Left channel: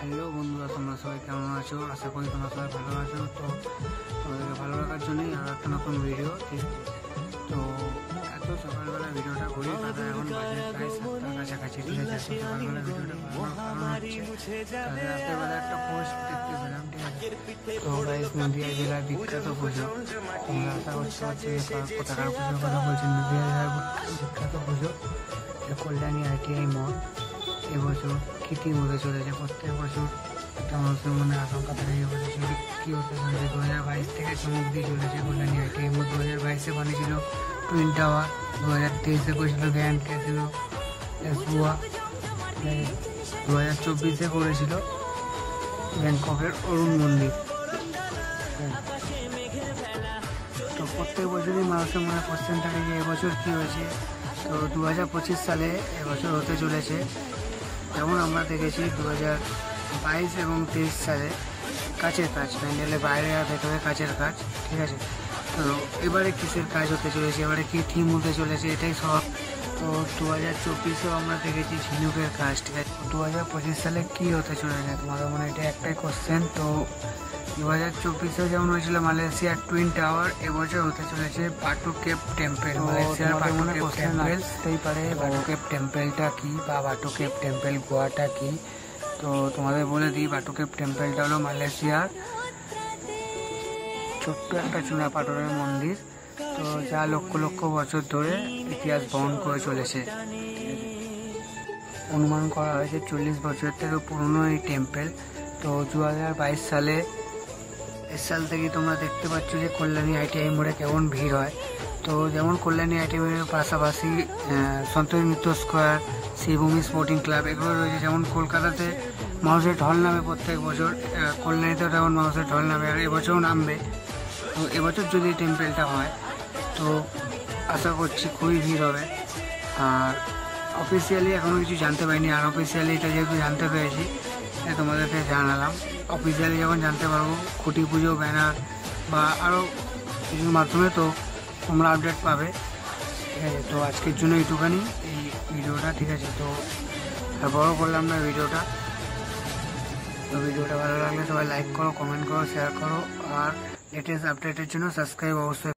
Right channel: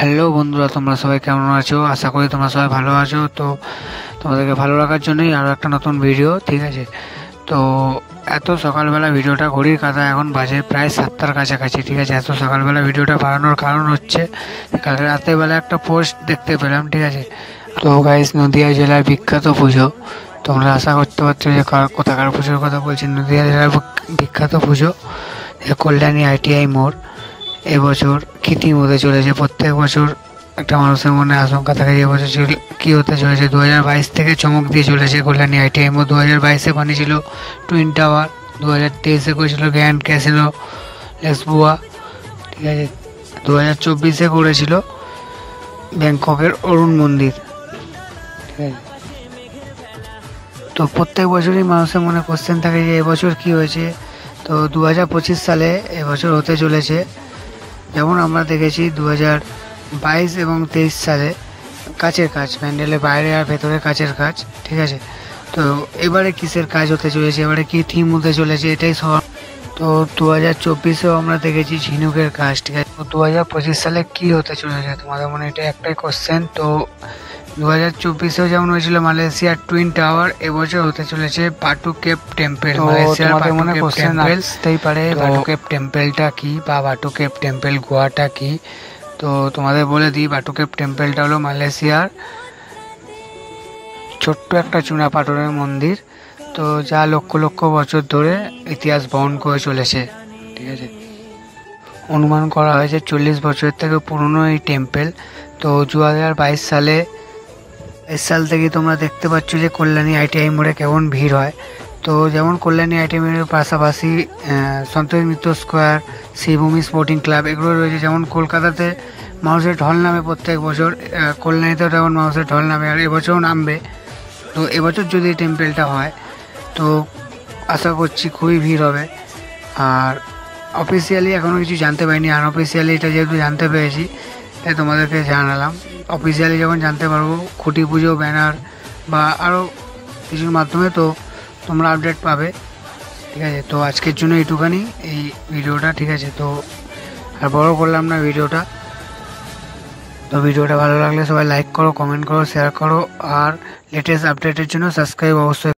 হ্যালো বন্ধুরা, তোমরা সবাই কেমন আছো? আশা করি তোমরা সবাই ভালো আছো। তো তোমাদেরকে ভালো রাখার জন্যই আরও একটা নতুন ভিডিও, ঠিক আছে? তো এত সকালবেলা ভিডিওটা ঘড়ির কাঁটা এখন বাজে প্রায় 7টার কাছাকাছি, ঠিক আছে? এত সকালবেলা ভিডিওটা বানানোর কারণ হচ্ছে কালকে রাতেরবেলা একটা পোস্ট দেখতে পেলাম, ঠিক আছে? তো গাইস, নদিয়া জেলার বিখ্যাত পুজো, তোমরা আশা করতে পারছো যে কোথাকার পুজোর কথা বলছি। নদিয়া জেলার বিখ্যাত পুজো কল্যাণী ITI মোড় এবছর কী থিম হতে চলেছে। প্রত্যেক বছর একটা মানুষের মনে আশঙ্কা থাকে যে এবছর কী হতে চলেছে। 2022 থেকে চমক দিয়ে চলেছে কল্যাণী ITI মোড়। 2022-এ বানিয়েছিল টুইন টাওয়ার, 2023-এ করেছিল গ্র্যান্ড ক্যাসিনো লেসবুয়া, ঠিক আছে? 2024-এ করেছিল ব্যাংককের অরুণ মন্দির, ঠিক আছে? তো প্রত্যেক বছরই মানুষের মনে কোশ্চেন থাকে যে এবছর কী হয়েছে। তো 2025 সালে এবছর হতে চলেছে। যেমন আমরা দেখেছি 2022 এবং 23 সালে কাচের কাজ, প্যান্ডেলের বাইরে আর ভেতরে কাচের কাজ, ঠিক আছে? তো এবারে কিসের কাজ হতে চলেছে, এবারে কী থিম হতে চলেছে, এটাই সব। তো 2024-এও আমরা দেখেছি ঝিনুকের কাজ, ঠিক আছে? তো 2025 সালে কী হতে চলেছে তোমাদের মনে এটা একটাই কোশ্চেন। তো 2024-এও যেমন হয়েছিল মালয়েশিয়ার টুইন টাওয়ার, এবছর হতে চলেছে বাটু কেভ টেম্পল। মালয়েশিয়ার বাটু কেভ টেম্পল আসতেই পারে, বাটু কেভ টেম্পলটা কি বা বাটু কেভ টেম্পল গোয়াটা কি। তো তোমাদের বলে দিই, বাটু কেভ টেম্পলটা হলো মালয়েশিয়ার ছোট্ট একটা চুনা পাথরের মন্দির, তো যা লক্ষ লক্ষ বছর ধরে ইতিহাস বহন করে চলেছে, ঠিক আছে? অনুমান করা হয়েছে 40 বছরের থেকে পুরনো এই টেম্পল। তো 2022 সাল থেকে তোমরা দেখতে পাচ্ছ যে কল্যাণী ITI মোড়ে কেমন ভিড় হয়। তো যেমন কল্যাণী ITI মোড়ের পাশাপাশি সন্তোষ মিত্র স্কোয়ার, শ্রীভূমি স্পোর্টিং ক্লাব এগুলো রয়েছে। যেমন কলকাতাতে মানুষের ঢল নামে প্রত্যেক বছর, কল্যাণীতেও তেমন মানুষের ঢল নামে, আর এবছরও নামবে। তো এবছর যদি এই টেম্পলটা হয় তো আশা করছি খুবই ভিড় হবে। আর অফিসিয়ালি এখনও কিছু জানতে পারিনি, আনঅফিসিয়ালি এটা যেহেতু জানতে পেরেছি তাই তোমাদেরকে জানালাম। অফিসিয়ালি যখন জানতে পারবো খুঁটি পুজো ব্যানার বা আরও কিছুর মাধ্যমে, তো তোমরা আপডেট পাবে, ঠিক আছে? তো আজকের জন্য এইটুখানি এই ভিডিওটা, ঠিক আছে? তো আর বড় করলাম না ভিডিওটা। তো ভিডিওটা ভালো লাগলে সবাই লাইক করো, কমেন্ট করো, শেয়ার করো, আর লেটেস্ট আপডেটের জন্য সাবস্ক্রাইব অবশ্যই।